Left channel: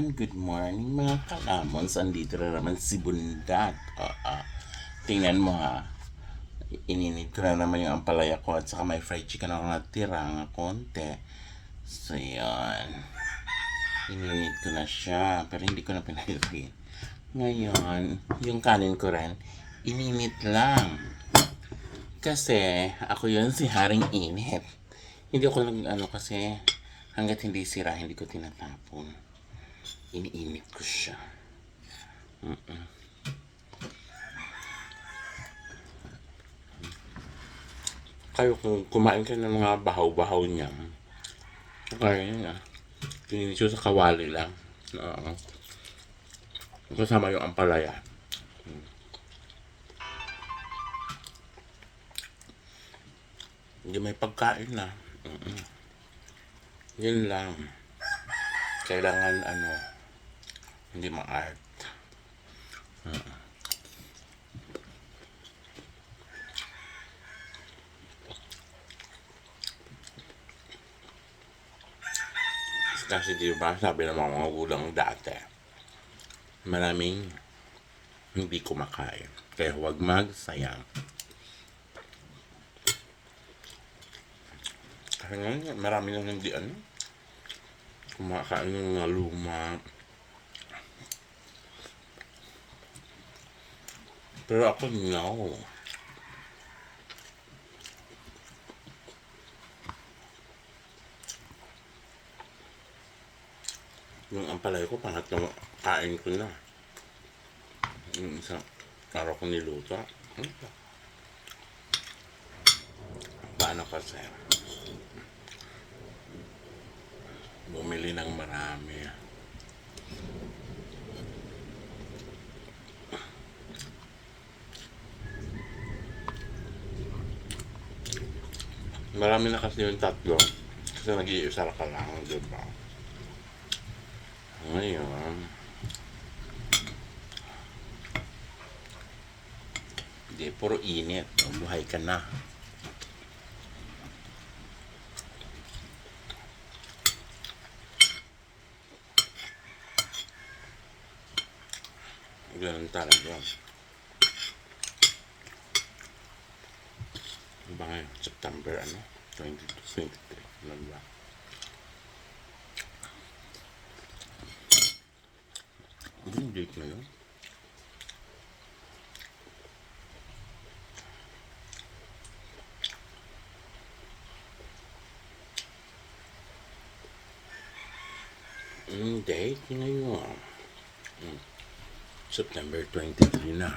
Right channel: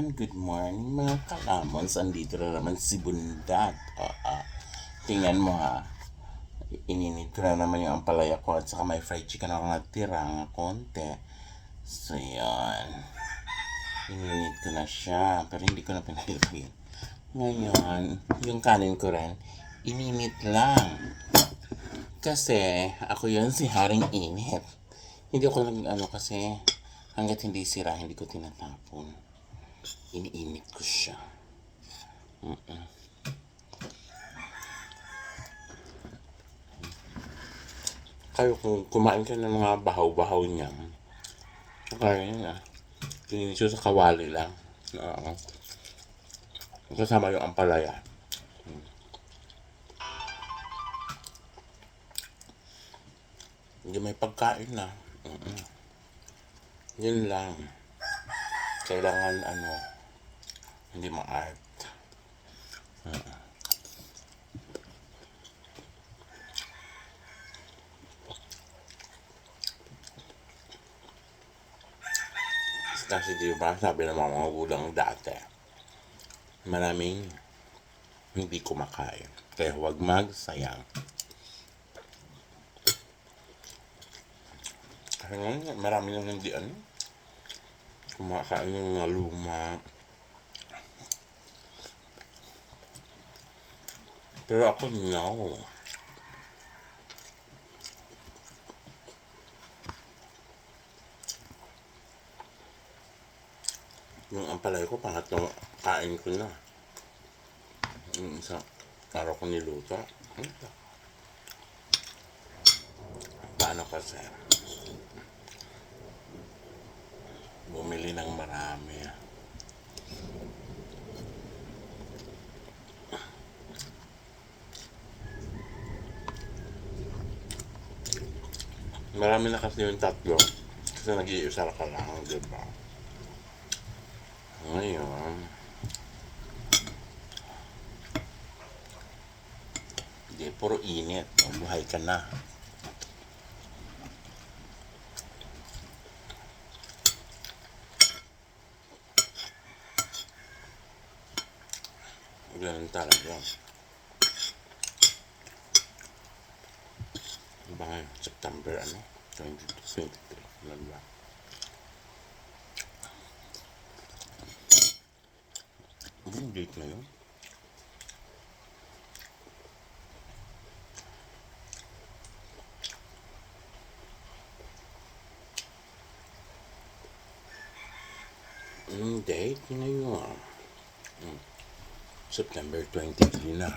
Ayan, good morning mga kalamons. Andito na naman si Bundat. Tingnan mo ha. Ininit ko na naman yung ampalaya ko at saka may fried chicken ako natira nga konti. So yan. Ininit ko na siya pero hindi ko na pinahilagin. Ngayon, yung kanin ko rin, ininit lang. Kasi ako yun si Haring Init. Hindi ako kasi hanggat hindi sira, hindi ko tinatapon. Iniinit ko siya. Kayo kung kumain ka ng mga bahaw-bahaw niya, kaya na. Pininis sa kawali lang. Oo. Kasama yung ampalaya. Hindi may pagkain na. Yun lang. Kailangan hindi ma-art. Kasi diba, sabi ng mga magulang dati, maraming hindi kumakain. Kaya huwag magsayang. Kasi nga, marami nang hindi kumakain ng mga luma. Pero ako, no. Yung ampalay ko, pangatlong kain ko na. Yung isang araw ko niluto. Paano kasi? Bumili ng marami. Marami na kasi yung tatlo. Kasi nag-iisa ka lang, diba? Ngayon, hindi, puro init. Buhay ka na. Ganun talaga. Diba ngayon? September, 2023. Ano ba? Date na yun. Date ngayon. September 23 na.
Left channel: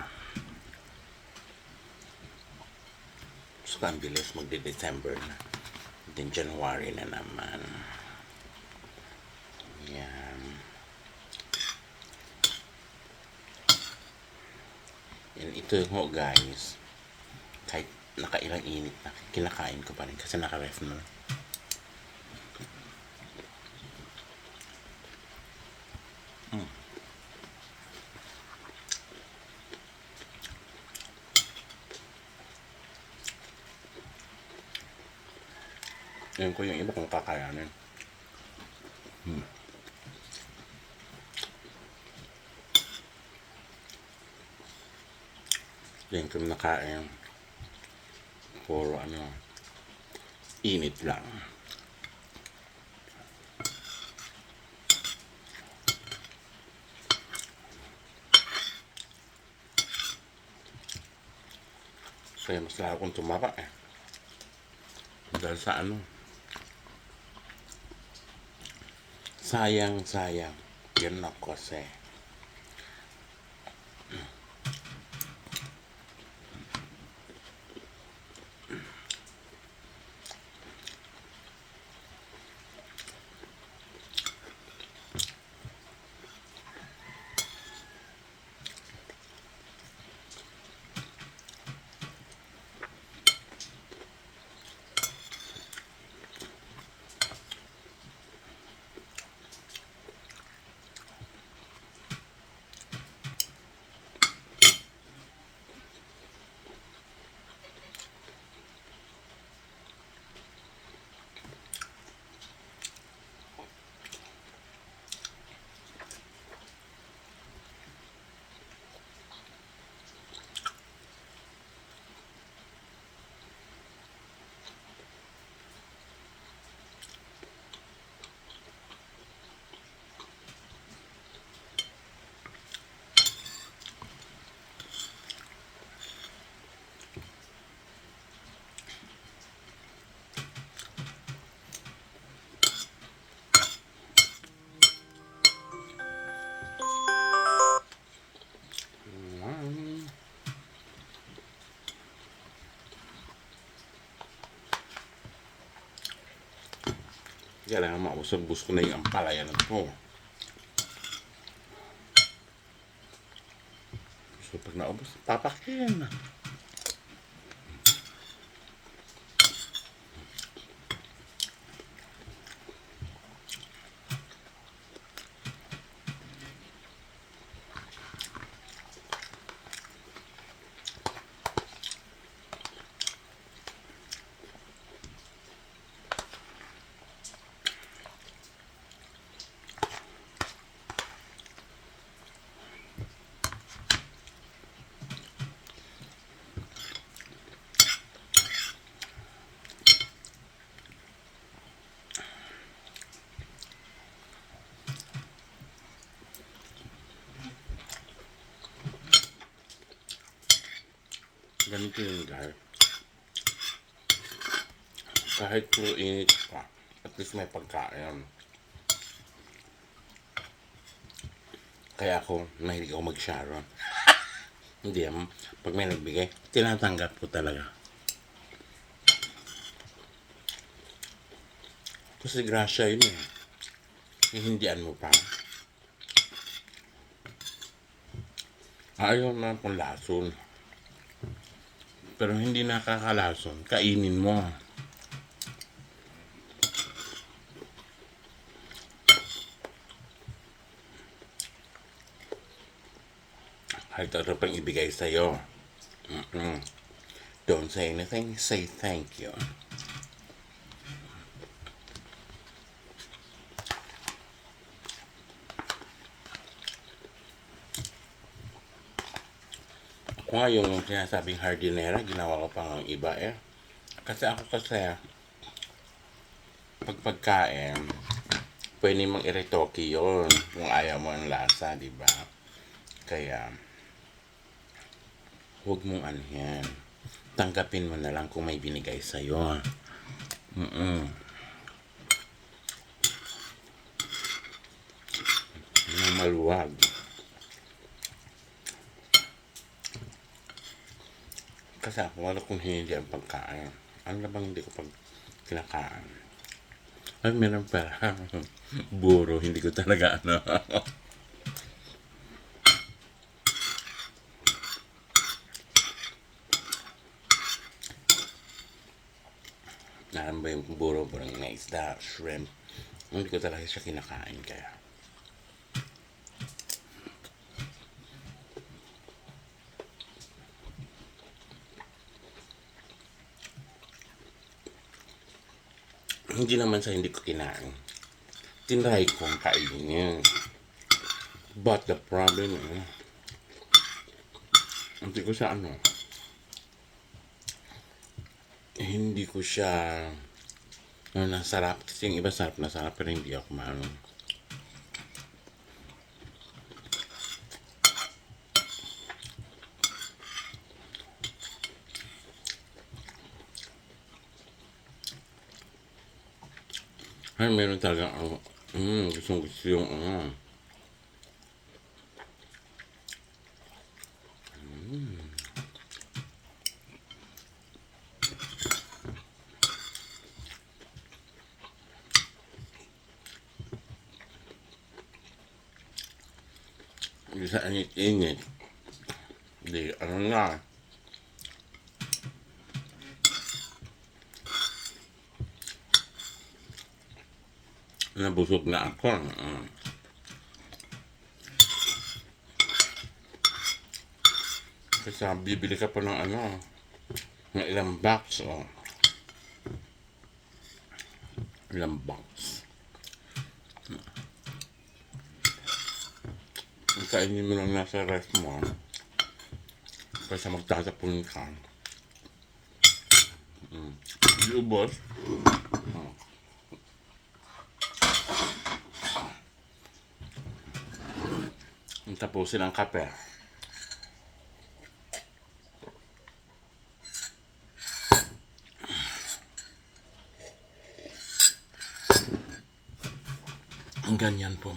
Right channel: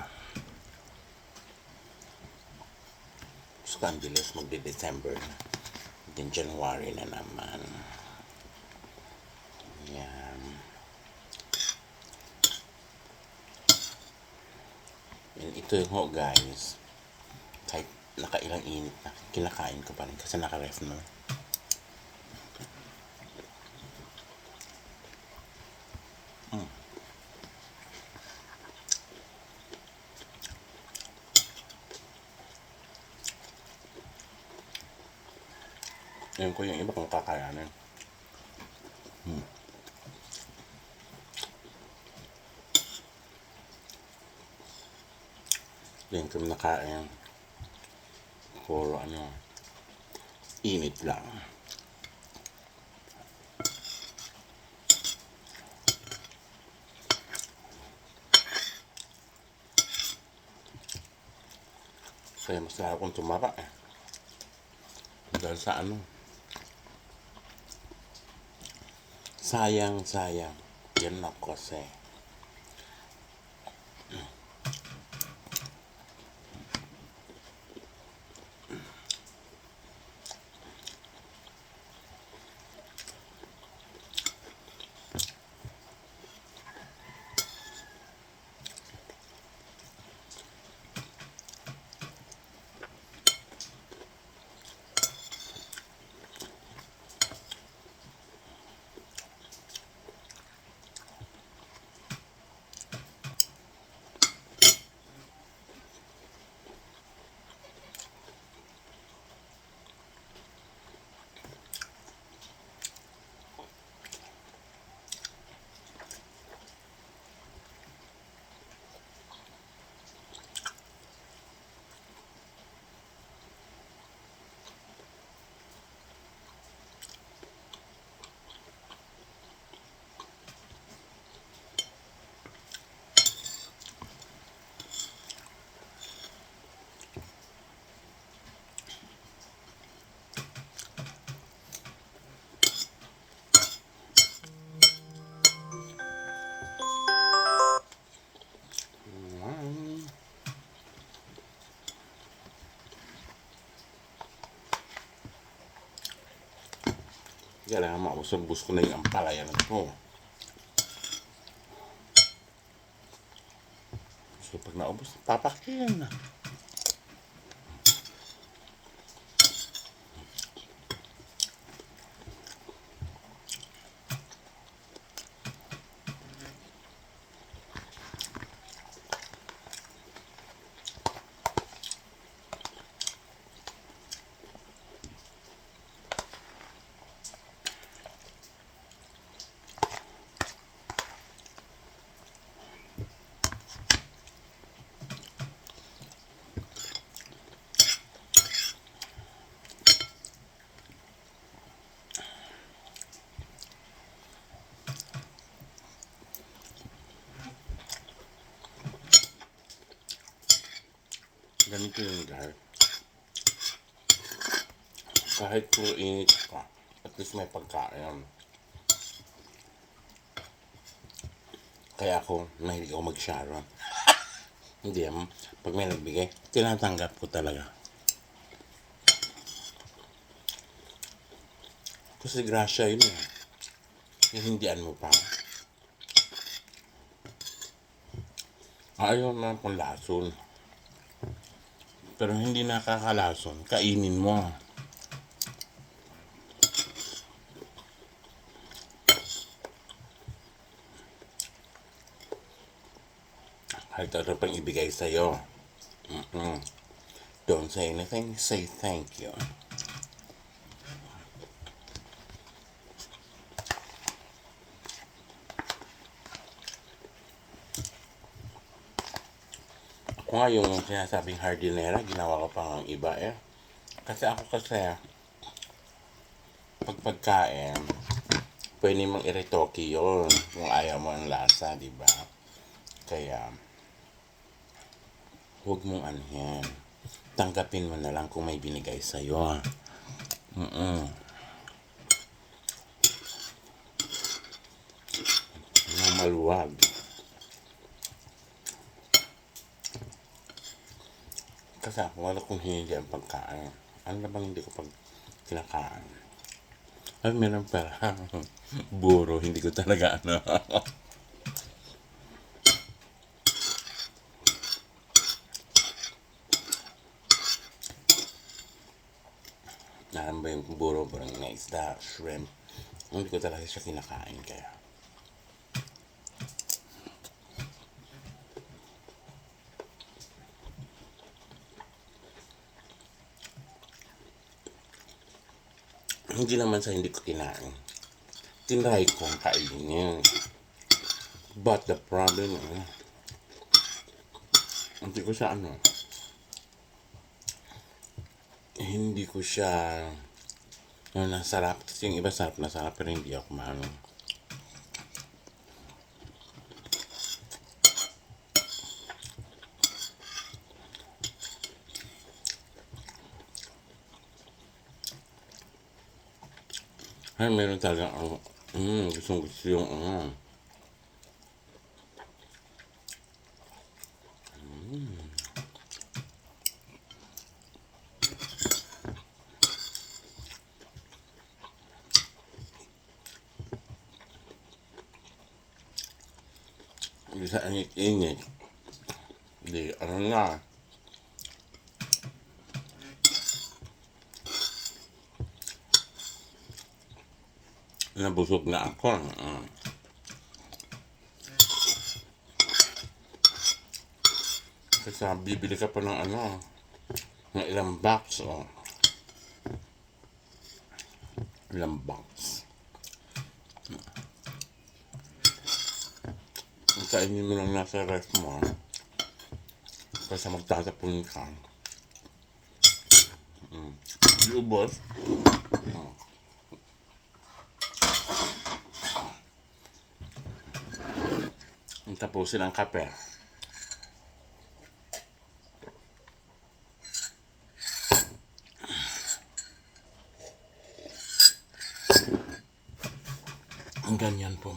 So, ang bilis magde-December na. Then January na naman. Yan. Yan, ito ho guys. Kahit nakailang init na, kinakain ko pa rin kasi naka-ref na. Ngayon ko yung iba kung kakayanin. Yung kung nakain, puro init lang. Kaya mas lalo kong tumaba dahil sa sayang. Yan ako kasi. kailangan mausog-bus ko na yung ampalaya na to. So pag naubos, papakin. Ganito yung guys. Kahit puro init pa, at least may pagkain. Kaya ako, mahilig ako mag-sharon. Hindi pag may nagbigay, tinatanggap ko talaga. Kasi grasya yun eh. Hihindian mo pa. Ayaw na pang lason. Pero hindi nakakalason, kainin mo. Kahit ano pang ibigay sa'yo. Don't say anything, say thank you. Ako nga yung sinasabing hardinera, ginawa ko pang iba eh. Kasi pag pagkain, pwede mong iretoke yun kung ayaw mo ang lasa, di ba? Kaya, huwag mong ano yan. Tanggapin mo na lang kung may binigay sa'yo. Nang maluwag. Kasi ako, wala kong hindi ang pagkain. Ano na bang hindi ko pag kinakain? Ay, meron pala. Buro, hindi ko talaga ano. Naran ba yung buro, parang na isda, shrimp. Hindi ko talaga siya kinakain kaya. Hindi naman sa hindi ko kinain. Tinry kong kainin. But the problem hindi ko siya hindi ko siya nasarap. Kasi yung iba sarap na sarap pero hindi ako maano. Ay, meron talaga gusto yung bisa init-init. Di, ano na. Nabusog na ako. Kasi bibili ka pa ng ng ilang box. Ilang box. Kainin mo lang nasa rest mo. Kasi magtatapon ka. Iubos. Tapusin ang kape. Ganyan po.